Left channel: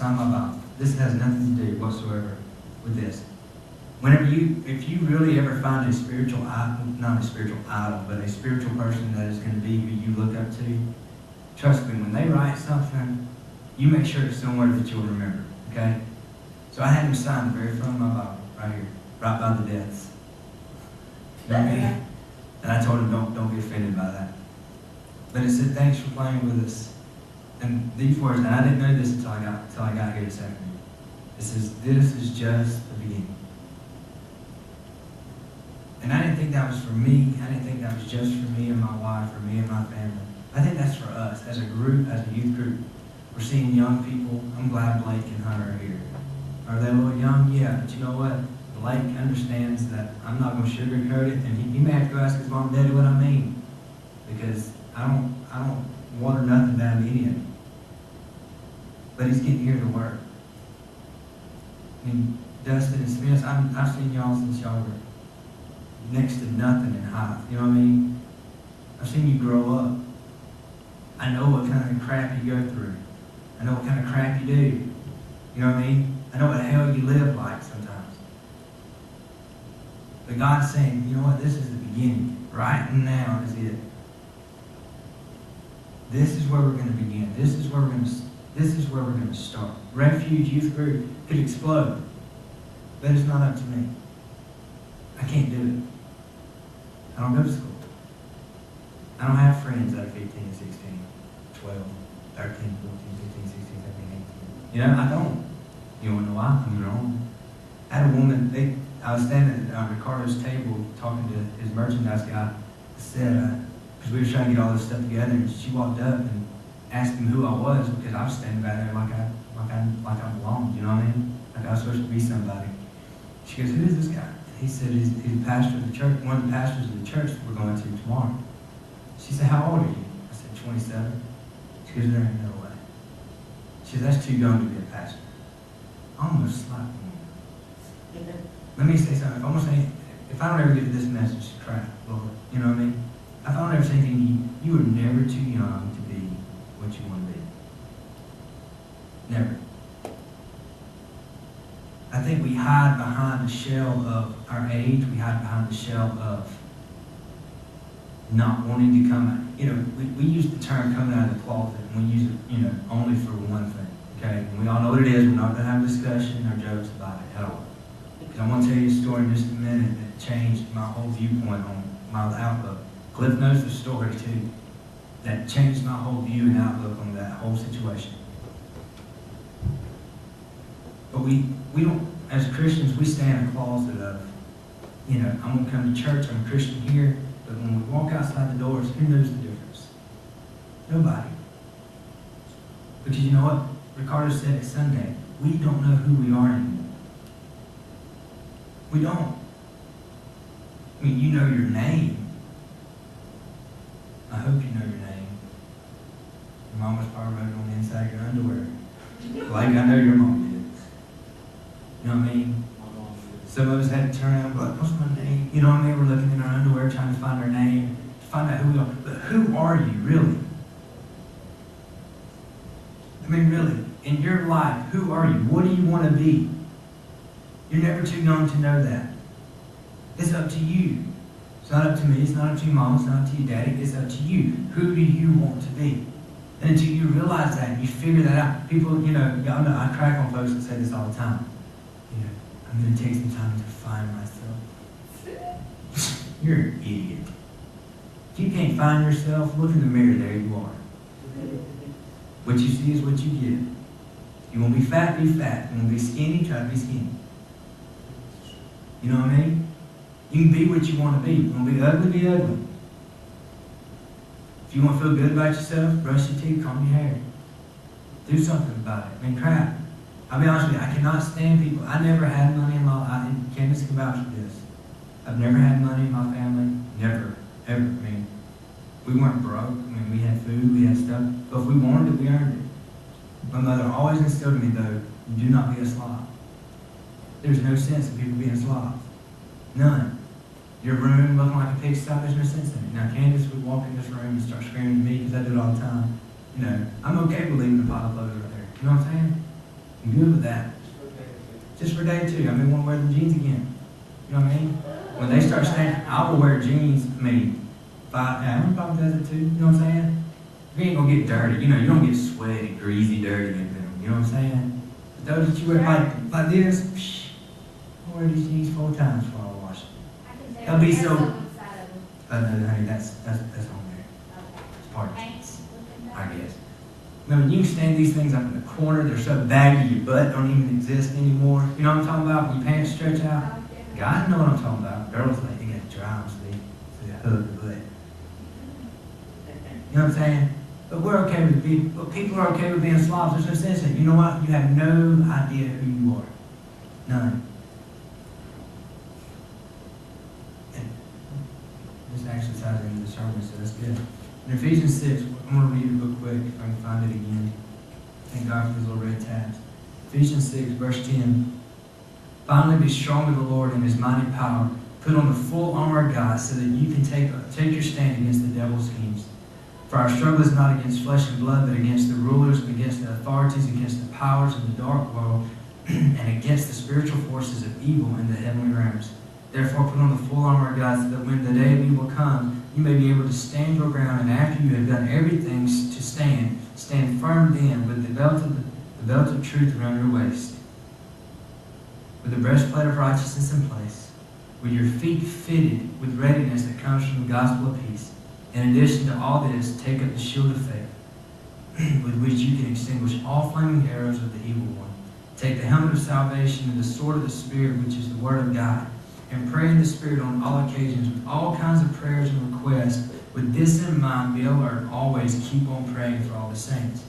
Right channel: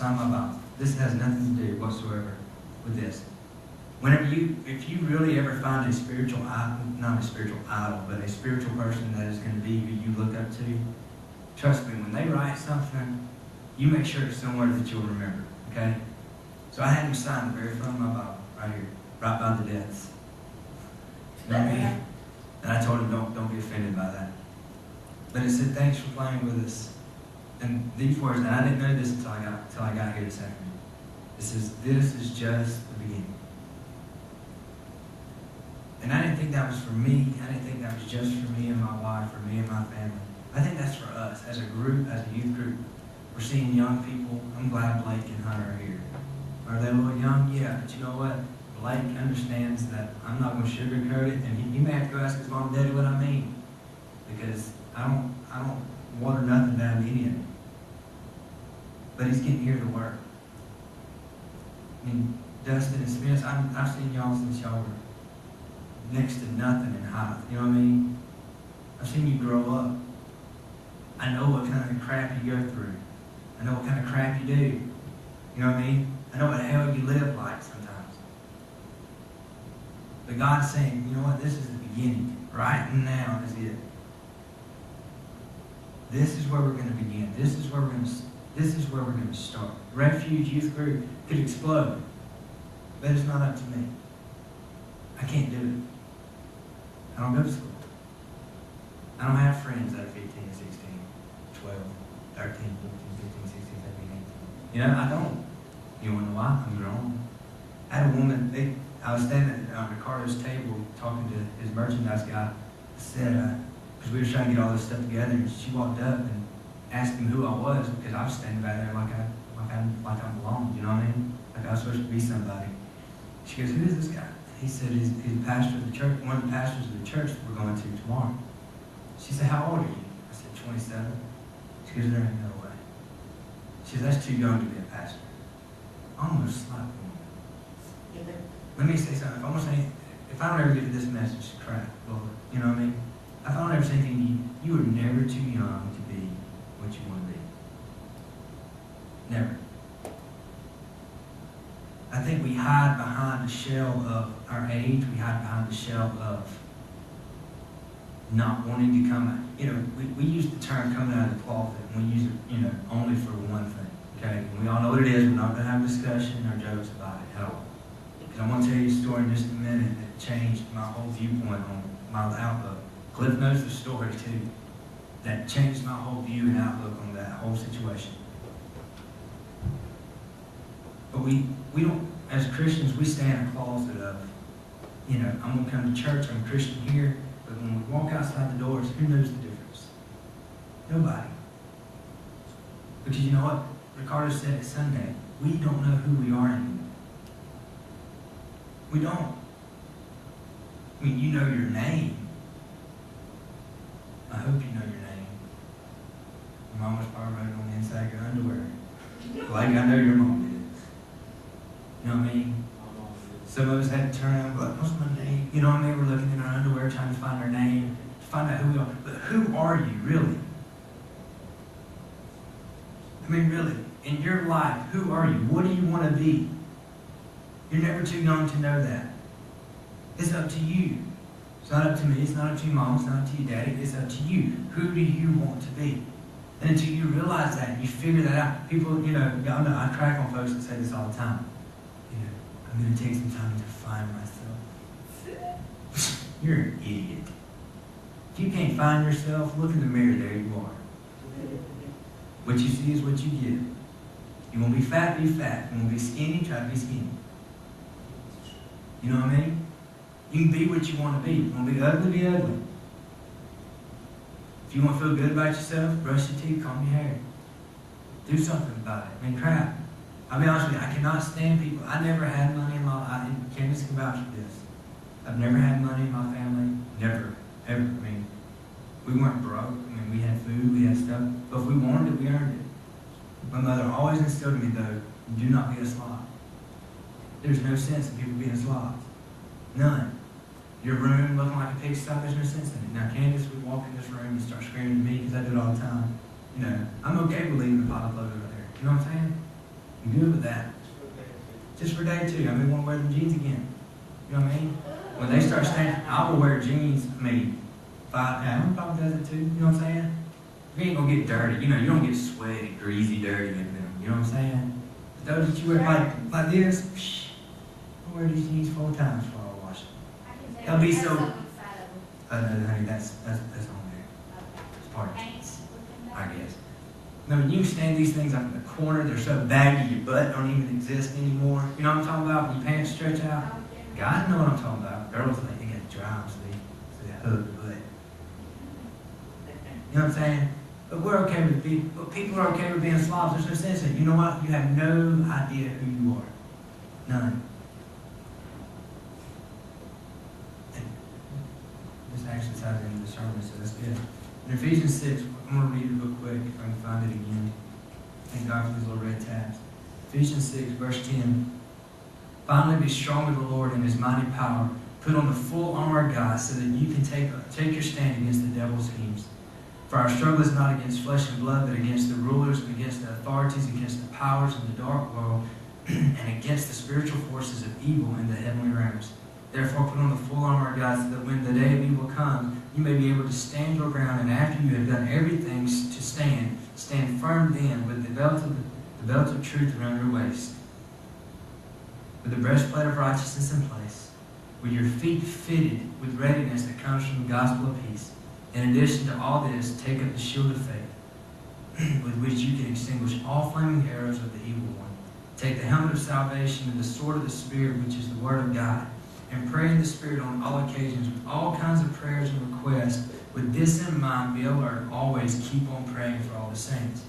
sign my Bible. This has nothing to do whatsoever with this. If you really ever find a spiritual idol, not a spiritual idol, but a spiritual person that is going to be who you look up to, trust me, when they write something, you make sure it's somewhere that you'll remember, okay? So I had him sign the very front of my Bible, right here, right by the deaths. You know what I mean? And I told him, don't be offended by that. But it said, thanks for playing with us. And these words, and I didn't know this until I got here this afternoon. It says, this is just the beginning. And I didn't think that was for me. I didn't think that was just for me and my wife, or me and my family. I think that's for us, as a group, as a youth group. We're seeing young people. I'm glad Blake and Hunter are here. Are they a little young? Yeah, but you know what? Blake understands that I'm not going to sugarcoat it, and he may have to go ask his mom and daddy what I mean, because I don't water nothing down to any of it. But he's getting here to work. I mean, Dustin and Smith, I've seen y'all since y'all were next to nothing in height. You know what I mean? I've seen you grow up. I know what kind of crap you go through. I know what kind of crap you do. You know what I mean? I know what hell you live like sometimes. But God's saying, you know what? This is the beginning. Right now is it. This is where we're going to begin. This is where we're going to start. Refuge Youth Group could explode. But it's not up to me. I can't do it. I don't go to school. I don't have friends that are 15, 16, 12, 13, 14, 15, 16, 17, 18. You know, I don't. You want to know why? I'm grown. I had a woman, I was standing at Ricardo's table talking to his merchandise guy. I said, because we were trying to get all this stuff together, and she walked up and asked him who I was, because I was standing back there like I belonged, you know what I mean? Like I was supposed to be somebody. She goes, who is this guy? And he said, he's the pastor of the church, one of the pastors of the church that we're going to tomorrow. She said, how old are you? I said, 27. She goes, there ain't no way. She said, that's too young to be a pastor. I almost slapped the woman. Let me say something. If I don't ever get to this message, crap, Lord. You know what I mean? If I don't ever say anything to you, you are never too young to be what you want to be. Never. I think we hide behind the shell of our age. We hide behind the shell of not wanting to come out. You know, we use the term coming out of the closet, and we use it, you know, only for one thing. Okay? And we all know what it is. We're not going to have a discussion or jokes about it at all. Because I want to tell you a story in just a minute that changed my whole viewpoint on my outlook. Cliff knows the story too. That changed my whole view and outlook on that whole situation. But we don't, as Christians, we stay in a closet of, you know, I'm going to come to church, I'm a Christian here, but when we walk outside the doors, who knows the difference? Nobody. Because you know what? Ricardo said it Sunday. We don't know who we are anymore. We don't. I mean, you know your name. I hope you know your name. Your mom was probably wrote it on the inside of your underwear. Like I know your mom did. You know what I mean? Some of us had to turn around and go, what's my name? You know what I mean? We're looking in our underwear trying to find our name, to find out who we are. But who are you, really? I mean, really, in your life, who are you? What do you want to be? You're never too young to know that. It's up to you. It's not up to me. It's not up to your mom. It's not up to your daddy. It's up to you. Who do you want to be? And until you realize that, you figure that out. People, you know, y'all know, I crack on folks that say this all the time. You know, I'm going to take some time to find myself. You're an idiot. If you can't find yourself, look in the mirror. There you are. What you see is what you get. You want to be fat, be fat. You want to be skinny, try to be skinny. You know what I mean? You can be what you want to be. You want to be ugly, be ugly. If you want to feel good about yourself, brush your teeth, comb your hair. Do something about it. I mean, crap. I'll be honest with you, I cannot stand people. I never had money in my life. Candace can vouch for this. I've never had money in my family. Never. Ever. I mean, we weren't broke. I mean, we had food, we had stuff. But if we wanted it, we earned it. My mother always instilled in me, though, do not be a slob. There's no sense in people being slobs. None. Your room looking like a pigsty, there's no sense in it. Now, Candace would walk in this room and start screaming at me because I do it all the time. You know, I'm okay with leaving the pile of clothes right there. You know what I'm saying? I'm good with that. Just for day two. I mean, want to wear them jeans again. You know what I mean? When they start standing, I will wear jeans. I mean, I'm probably does it too. You know what I'm saying? You ain't gonna get dirty. You know, you don't get sweaty, greasy, dirty in them. You know what I'm saying? But those that you wear like this, I wear these jeans 4 times before I wash them. They'll be so. No, honey, that's on there. It's part of it, I guess. No, you can stand these things up in the corner. They're so baggy, your butt don't even exist anymore. You know what I'm talking about? When your pants stretch out. Guys know what I'm talking about. Girls, they got to dry them so they hug the butt. You know what I'm saying? But we're okay with being, but people are okay with being slobs. There's no sense in it. You know what? You have no idea who you are. None. And this actually ties into the sermon, so that's good. In Ephesians 6, I'm going to read it real quick if I can find it again. Thank God for these little red tabs. Ephesians 6, verse 10. Finally, be strong in the Lord and His mighty power. Put on the full armor of God so that you can take your stand against the devil's schemes. For our struggle is not against flesh and blood, but against the rulers and against the authorities, against the powers in the dark world, and against the spiritual forces of evil in the heavenly realms. Therefore, put on the full armor of God so that when the day of evil comes, you may be able to stand your ground, and after you have done everything to stand firm then with the belt of truth around your waist, with the breastplate of righteousness in place, with your feet fitted with readiness that comes from the gospel of peace. In addition to all this, take up the shield of faith, with which you can extinguish all flaming arrows of the evil one. Take the helmet of salvation and the sword of the Spirit, which is the word of God, and pray in the Spirit on all occasions with all kinds of prayers and requests. With this in mind, be alert, always keep on praying for all the saints.